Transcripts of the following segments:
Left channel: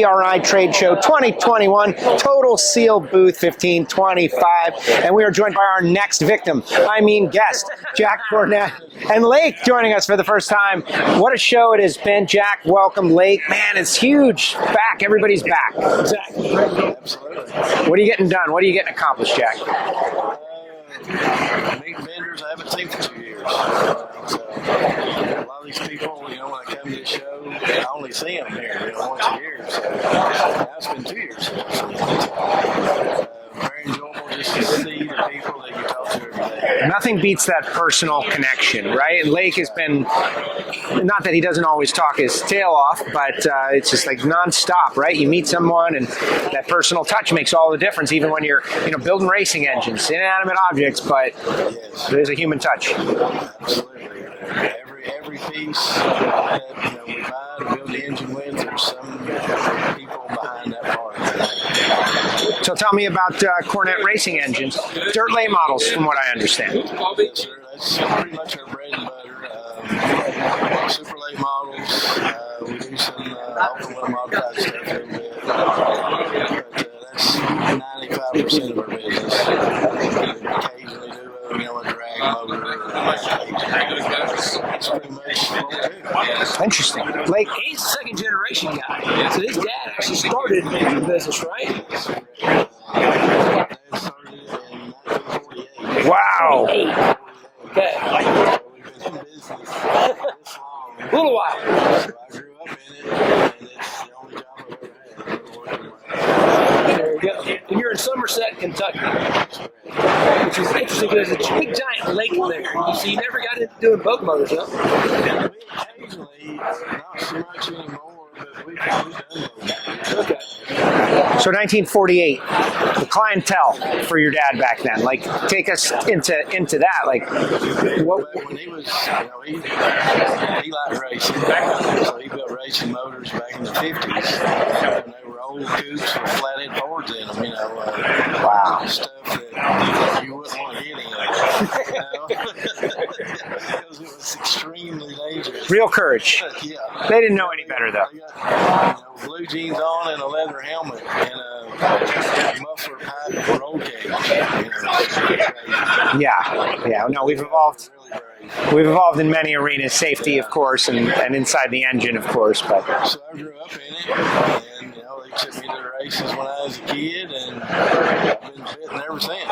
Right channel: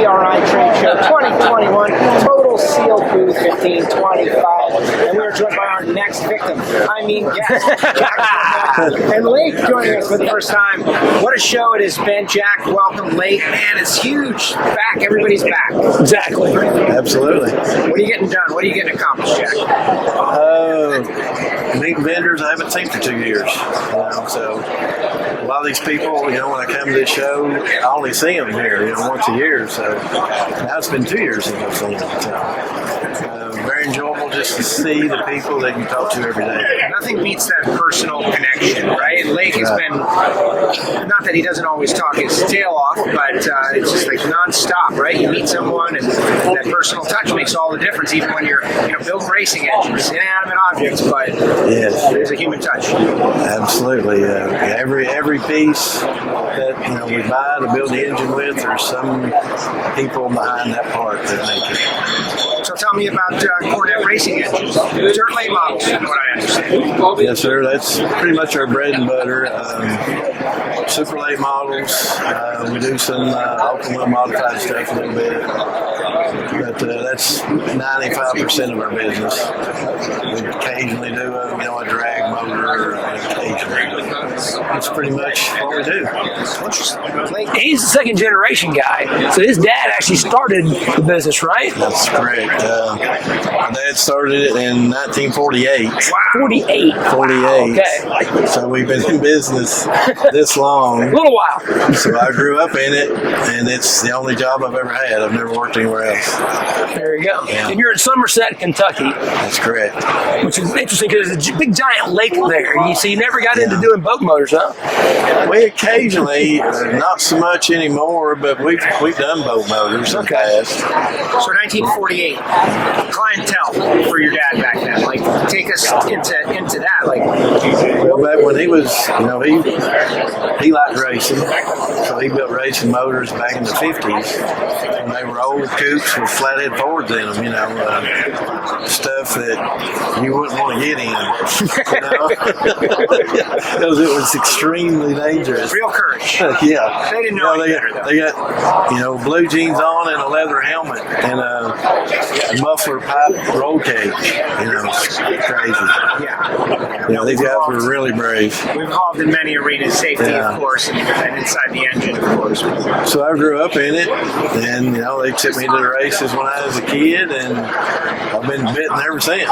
PRI Trade Show 2021, Total Sealed Booth 1525, and we are joined by our next victim, guest, Jack Cornett, and Lake joining us for the first time. What a show it has been, Jack. Welcome, Lake. Man, it's huge. Back, everybody's back. Exactly. Absolutely. What are you getting done? What are you getting accomplished, Jack? Meeting vendors I haven't seen for 2 years. So a lot of these people, when I come to this show, I only see them here, once a year. So now it's been 2 years since I've seen them. So very enjoyable just to see the people that you talk to every day. Nothing beats that personal connection, right? And Lake has been, not that he doesn't always talk his tail off, but it's just like nonstop, right? You meet someone and that personal touch makes all the difference, even when you're building racing engines, inanimate objects, but yes, there's a human touch. Absolutely. Every piece that we buy to build the engine with, there's some people behind that part that make it. So tell me about Cornet racing engines, dirt late models, from what I understand. Yes, sir. That's pretty much our bread and butter. Super late models. We do some open wheel modified stuff a little bit, but that's 95% of our business. We occasionally do a drag motor. That's pretty much what we do. Interesting. Like, he's the second generation guy, so his dad actually started the business, right? That's correct. My dad started it in 1948. Wow. 48. 48. Okay. So we've been in business this long. A little while. So I grew up in it, and it's the only job I've ever had. I've never worked anywhere else. There you go. Yeah. And you're in Somerset, Kentucky, That's correct. which is interesting because there's a big giant lake there. So you never got into doing boat motors, huh? We occasionally, not so much anymore, but we've done boat motors in the past. So 1948, the clientele for your dad back then. Like, take us into that. Like, Well, back when he was, he liked racing, so he built racing motors back in the 50s. And they were old coupes with flathead Fords in them, stuff that you wouldn't want to get in, because it was extremely dangerous. real courage. Yeah. They didn't know any better, though. They got, blue jeans on and a leather helmet and a muffler pipe roll cage. It's crazy. Yeah. No, These we've guys evolved. were really brave. We've evolved in many arenas, safety, Yeah. of course, and inside the engine, of course. But So I grew up in it, and they took me to the races when I was a kid, and I've been bitten ever since.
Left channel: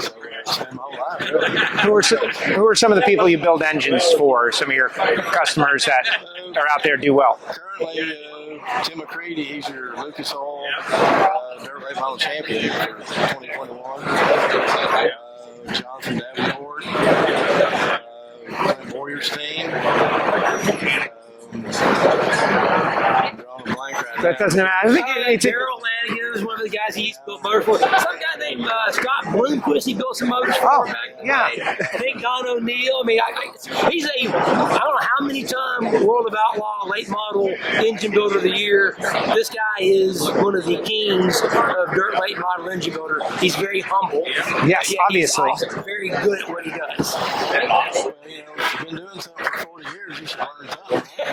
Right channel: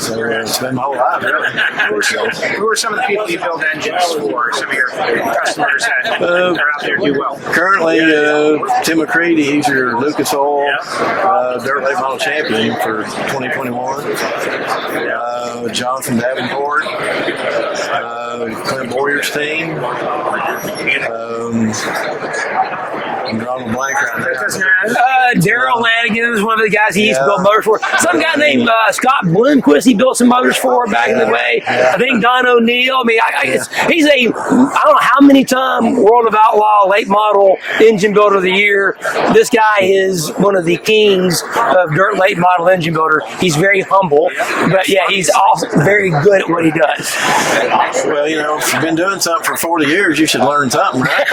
So it's been my whole life, really. who are some of the people you build engines for? Some of your customers that are out there do well. Currently, Tim McCready, he's your Lucas Oil Dirt Late Model Champion for 2021. Jonathan Davenport, Clint Boyer's team. I'm drawing a blank right now. That doesn't matter. Daryl Lanigan is one of the guys he used to build motors for. Some guy named Scott Bloomquist, he built some motors for back in the day. I think Don O'Neill. He's I don't know how many time World of Outlaw late model engine builder of the year. This guy is one of the kings of dirt late model engine builder. He's very humble. But he's also very good at what he does. Well, if you've been doing something for 40 years, you should learn something, right?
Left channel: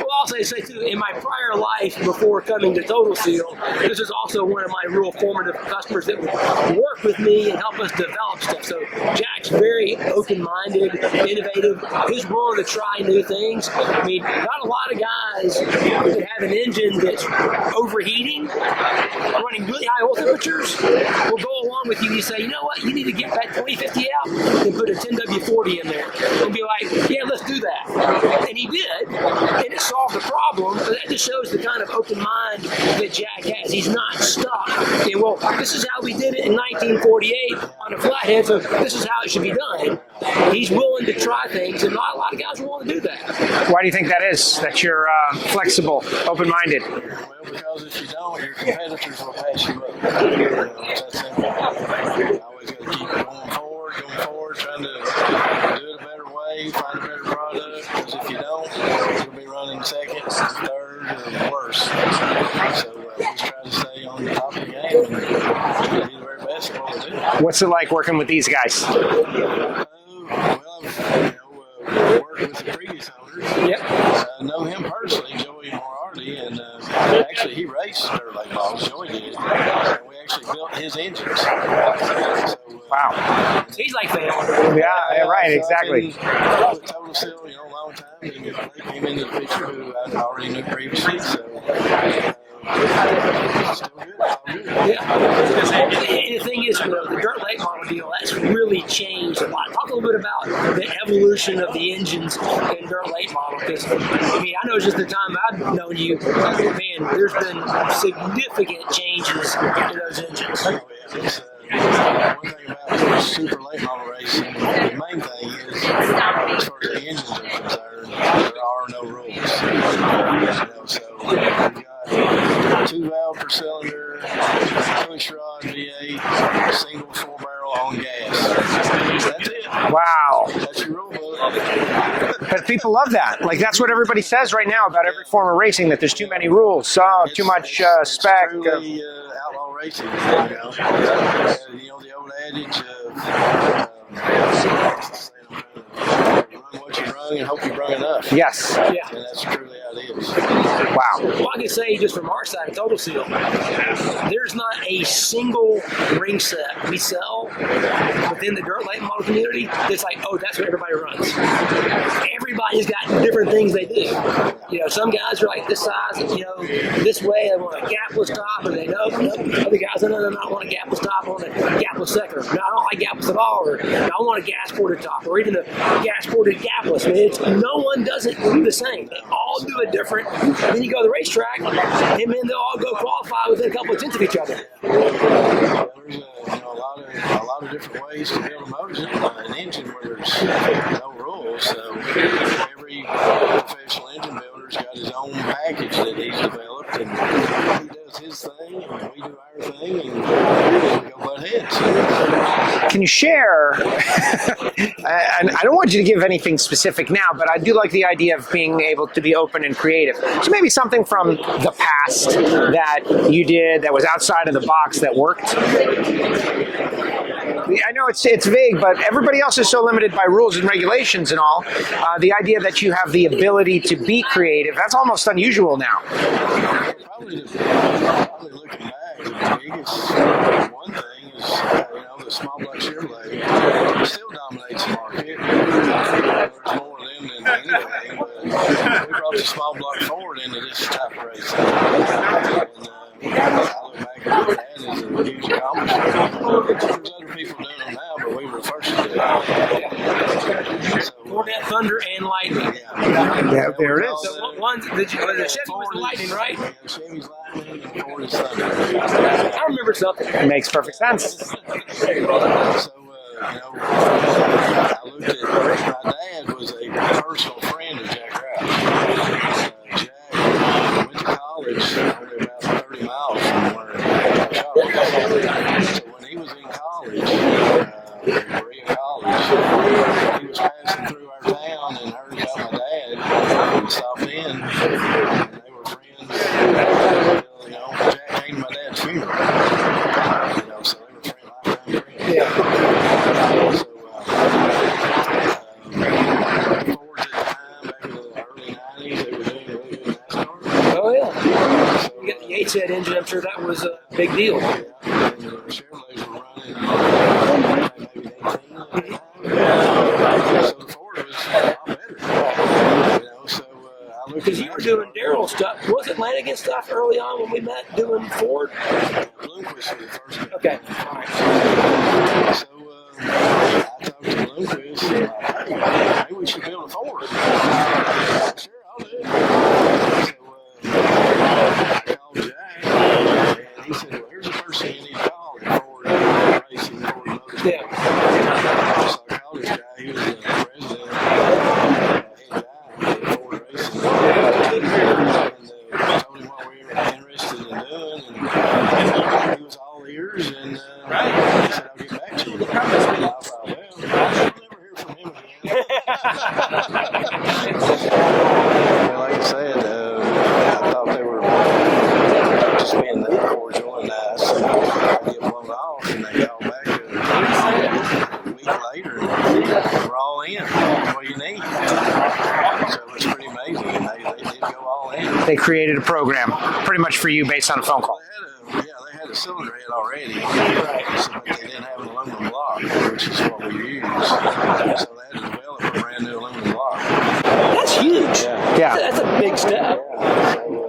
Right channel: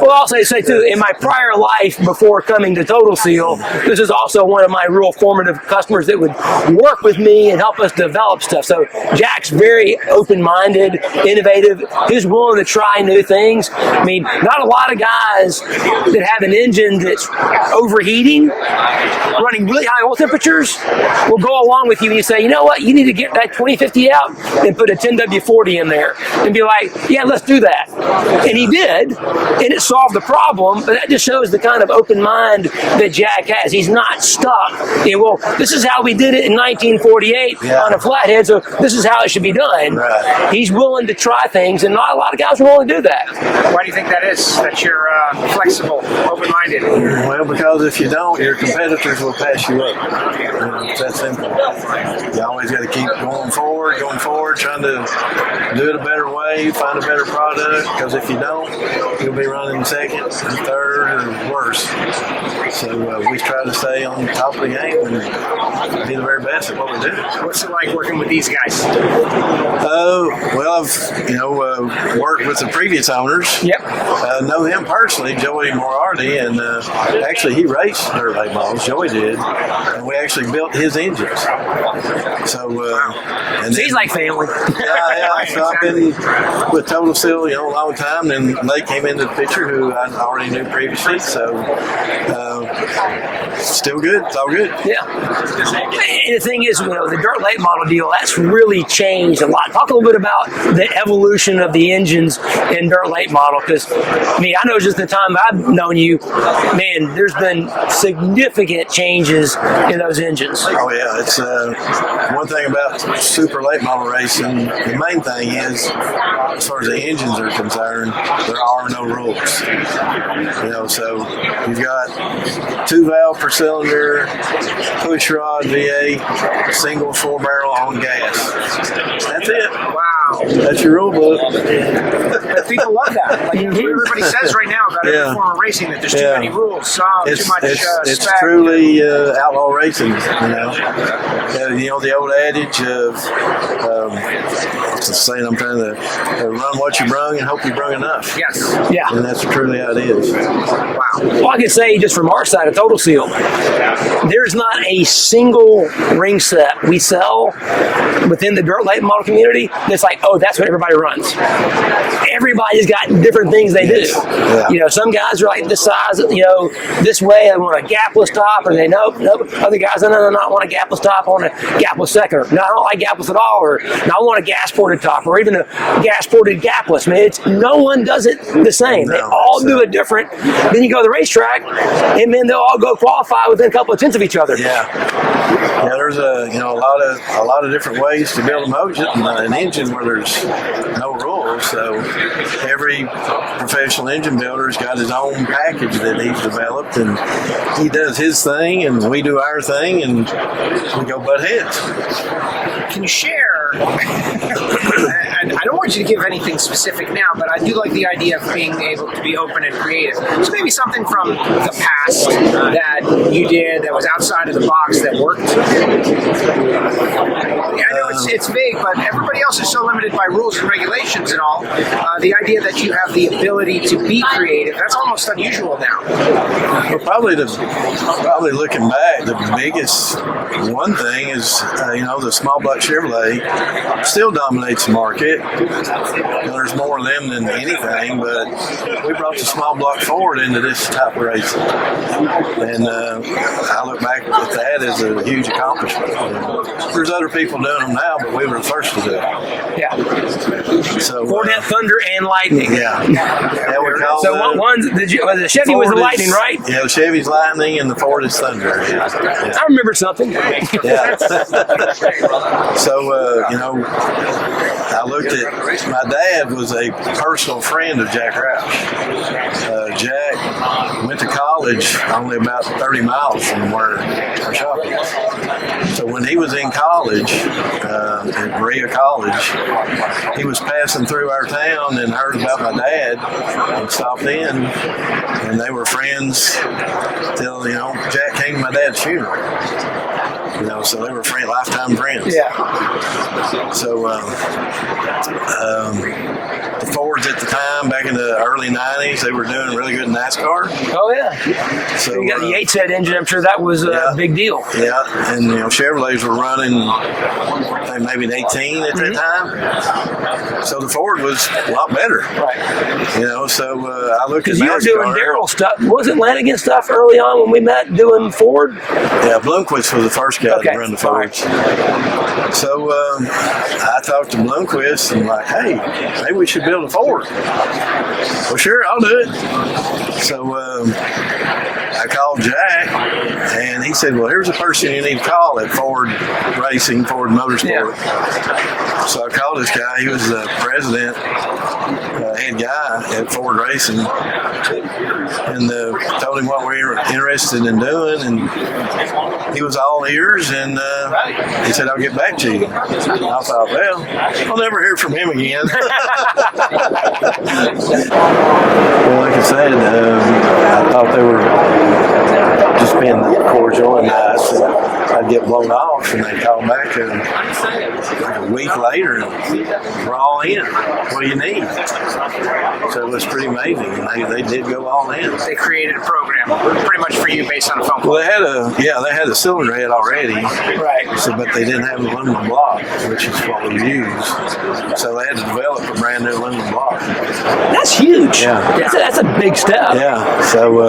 Well, I'll say too, in my prior life before coming to Total Seal, this is also one of my real formative customers that would work with me and help us develop stuff. So Jack's very open-minded, innovative. He's willing to try new things. Not a lot of guys that have an engine that's overheating, running really high oil temperatures, will go along with you and you say, you know what, you need to get that 2050 out and put a 10W40 in there and be like, yeah, let's do that. And he did, and it solved the problem. But that just shows the kind of open mind that Jack has. He's not stuck. This is how we did it in 1948 on a flathead, so this is how it should be done. Right. He's willing to try things, and not a lot of guys are willing to do that. Why do you think that is? That you're flexible, open-minded? Well, because if you don't, your competitors will pass you up. It's that simple. You always got to keep going forward, trying to do it a better way, find a better product, because if you don't, you'll be running second, third, or worse. So we try to stay on top of the game and be the very best at what we do. What's it like working with these guys? Well, I've worked with the previous owners. Yep. Know him personally, Joey Moriarty, and actually he raced dirt late models. Joey did, and we actually built his engines. So wow. And So he's like family. yeah, Right, so exactly. I've been with Total Seal, a long time. Then Lake came into the picture, who I already knew previously. So still good. It's all good. Yeah. And the thing is, the dirt late model deal, that's really changed a lot. Talk a little bit about the evolution of the engines in dirt late model, because I know just the time I've known you, man, there's been significant changes in those engines. Oh yeah, it's one thing about super late model racing. The main thing is, as far as the engines are concerned, there are no rules. So you've got 2 valve per cylinder, push rod V8, single 4-barrel on gas. That's it. Wow. That's your rule book. But people love that. Like, that's what everybody says right now about every form of racing, that there's too many rules, too much It's spec. truly outlaw racing. The old adage of saying, I'm trying to run what you brung and hope you brung enough. Yes. Yeah. And that's truly how it is. Wow. Well, I can say just from our side of Total Seal, there's not a single ring set we sell within the dirt late model community that's like, oh, that's what everybody runs. Everybody's got different things they do. Yeah. Some guys are like this size, this way, I want a gapless top, and they nope. Other guys, no, I want a gapless top, I want a gapless second. No, I don't like gapless at all, or no, I want a gas ported top, or even a gas ported gapless. No one does it the same. They all do it different. Then you go to the racetrack, and then they'll all go qualify within a couple of tenths of each other. Yeah, there's a lot of different ways to build an engine where there's no rules. So every professional engine builder's got his own package that he's developed, and he does his thing, and we do our thing, and we go butt heads. Can you share? I don't want you to give anything specific now, but I do like the idea of being able to be open and creative. So maybe something from the past that you did that was outside of the box that worked. I know it's vague, but everybody else is so limited by rules and regulations and all. The idea that you have the ability to be creative, that's almost unusual now. Well, probably looking back, the biggest one thing is, the small block Chevrolet still dominates the market. There's more of them than anything, but we brought the small block Ford into this type of racing. And I look back at that as a huge accomplishment. There's other people doing them now, but we were the first to do it. Yeah. So Cornet, Thunder, and Lightning. Yeah, So what ones did you? The Chevy was the Lightning, right? Yeah, the Chevy's Lightning and the Ford is Thunder. Yeah. I remember something. That makes perfect sense. So, I looked at, my dad was a personal friend of Jack Roush. Jack went to college only about 30 miles from where our shop was. So when he was in college, at Berea College, he was passing through our town and heard about my dad and stopped in, and they were friends till, Jack came to my dad's funeral. So they were lifetime friends. Yeah. So the Fords at the time, back in the early 90s, they were doing really good in NASCAR. Oh yeah. So You got the 8-set engine. I'm sure that was a big deal. Yeah, and Chevrolets were running maybe an 18 at that time. So the Ford was a lot better. Right. So I looked at Because you were NASCAR. doing Darrell stuff. Wasn't Lanigan stuff early on when we met doing Ford? Yeah, Bloomquist was the first guy to run the Fords. So I talked to Bloomquist and hey, maybe we should build a Ford. Well, sure, I'll do it. So I called Jack, and he said, well, here's a person you need to call at Ford Racing, Ford Motorsport. Yeah. So I called this guy. He was the president, head guy at Ford Racing. racing, and told him what we were interested in doing, and he was all ears, and he said, "I'll get back to you." And I thought, well, I'll never hear from him again. Well, like I said, I thought they were just being cordial and nice, and I'd get blown off, and they'd call back like a week later, and we're all in. What do you need? So it was pretty amazing, and they did go all in. They created a program pretty much for you based on a phone call. Well, they had a cylinder head already, right? So, but they didn't have an aluminum block, which is what we use. So they had to develop a brand new aluminum block. That's huge. Yeah. That's a big step. Yeah. So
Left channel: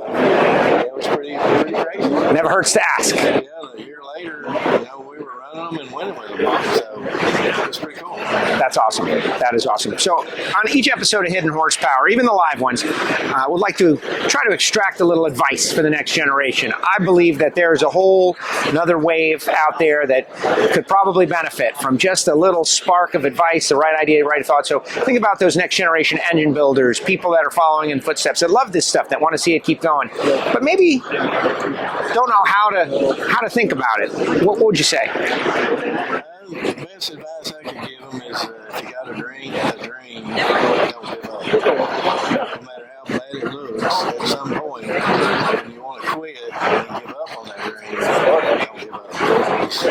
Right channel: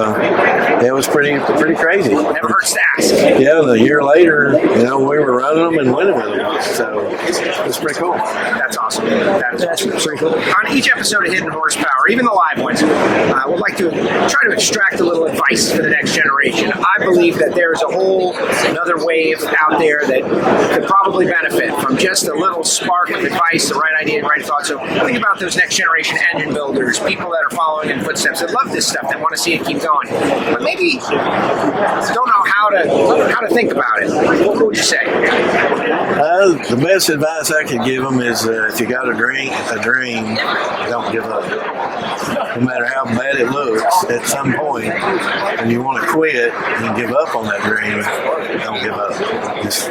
it was pretty crazy. Never hurts to ask. Yeah. The year later, we were running them and winning with them. So it was pretty cool. That's awesome. That is awesome. So on each episode of Hidden Horsepower, even the live ones, I would like to try to extract a little advice for the next generation. I believe that there is a whole another wave out there that could probably benefit from just a little spark of advice, the right idea, the right thought. So think about those next generation engine builders, people that are following in footsteps, that love this stuff, that want to see it keep going, but maybe don't know how to think about it. What would you say? The best advice I could give them is if you got a dream, don't give up. No matter how bad it looks, at some point, when you want to quit and give up on that dream, don't give up. Just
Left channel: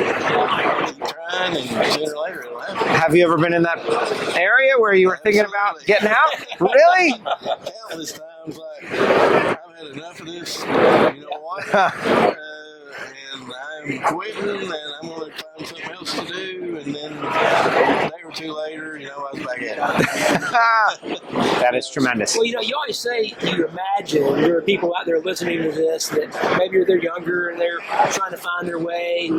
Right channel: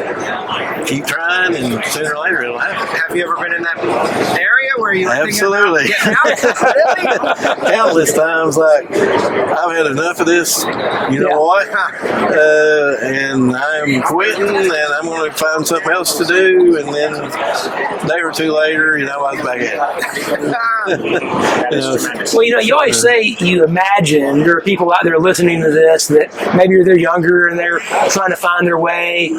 keep trying, and sooner or later it'll happen. Have you ever been in that area where you were thinking about getting out? Really? Countless times, like, I've had enough of this, you know what? And I'm quitting, and I'm going to find something else to do, and then a day or two later, I was back at it. That is tremendous. Well, you always say you imagine there are people out there listening to this that maybe they're younger and they're trying to find their way.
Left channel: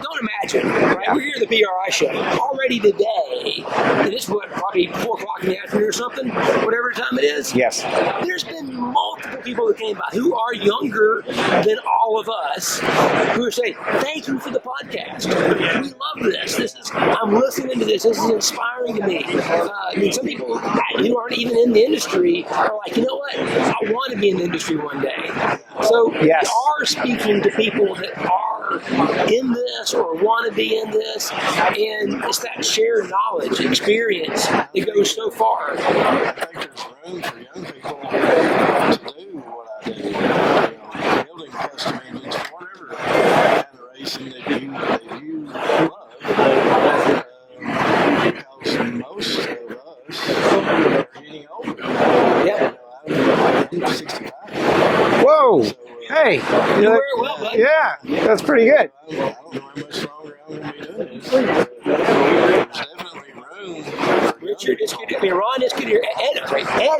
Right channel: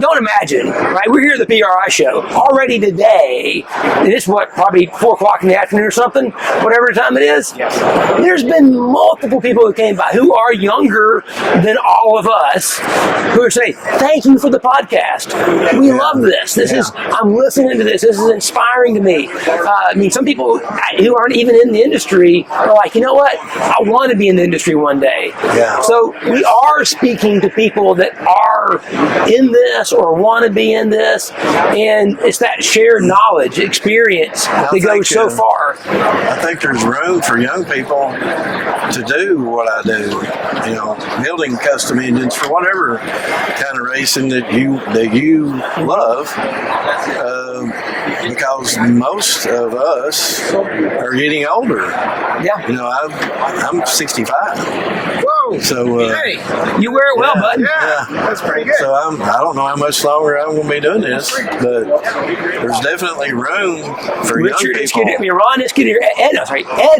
Don't imagine, right? We're here at the PRI show already today, and it's probably 4 o'clock in the afternoon or something, whatever time it is. Yes. There's been multiple people who came by who are younger than all of us who are saying, "Thank you for the podcast. We love this. I'm listening to this. This is inspiring to me." Some people who aren't even in the industry are like, you know what? I want to be in the industry one day. Yeah. So we are speaking to people that are in this or want to be in this, and it's that shared knowledge, experience that goes so far. I think there's room for young people to do what I do. Building custom engines for whatever kind of racing that you love. Because most of us are getting older. Yeah. I'm 65. Whoa. So hey, you wear it well, bud. Yeah, that's pretty good. So I don't know how much longer I'm going to be doing this, but there's definitely room for Richard young people. Ron Ed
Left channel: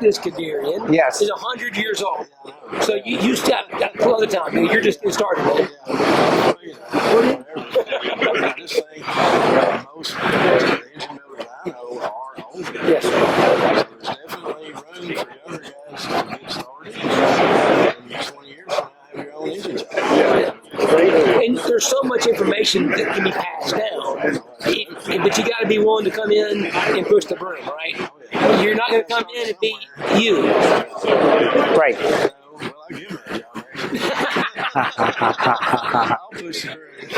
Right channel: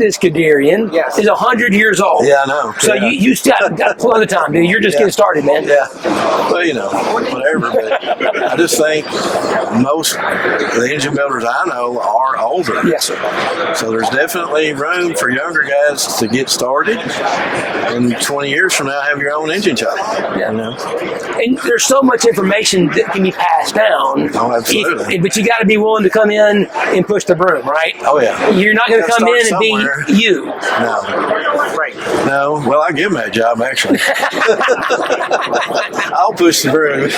Iskandarian is 100 years old. Yeah, I know. So you got plenty of time. You're just getting started, man. Yeah. Well, whatever. But I just think most of the engine builders I know are older. Yes. So there's definitely room for younger guys to get started, and 20 years from now have your own engine shop. Yeah. And there's so much information that can be passed down. Oh, absolutely. But you got to be willing to come in and push the broom, right? Oh, yeah. You're not going to come in and be you. No. Right. No. Well, I give him that job, actually. I'll push the broom.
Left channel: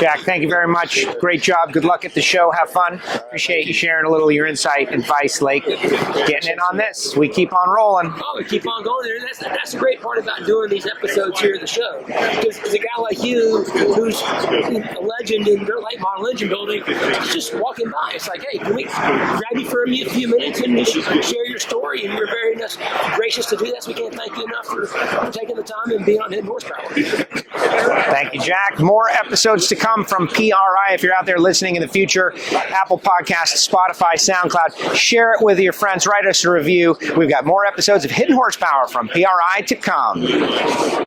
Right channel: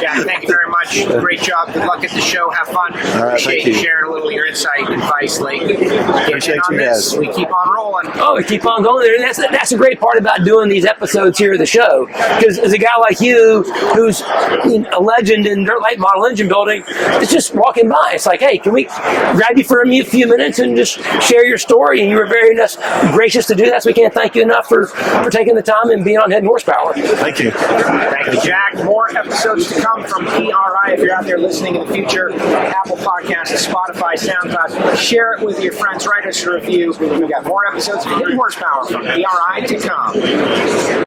Jack, thank you very much. Great job. Good luck at the show. Have fun. All right, Appreciate you sharing a little of your insight and advice, Lake. Appreciate on you this. guys. We keep on rolling. Oh, we keep on going there. And that's a great part about doing these episodes here at the show. Because as a guy like you, who's a legend in dirt late model engine building, it's just walking by. It's like, hey, can we grab you for a few minutes and just share your story? And you were very gracious to do that. So we can't thank you enough for taking the time and being on Hidden Horsepower. Thank you. Thank you, Jack. More episodes to come from PRI. If you're out there listening in the future, Apple Podcasts, Spotify, SoundCloud, share it with your friends. Write us a review. We've got more episodes of Hidden Horsepower from PRI to come.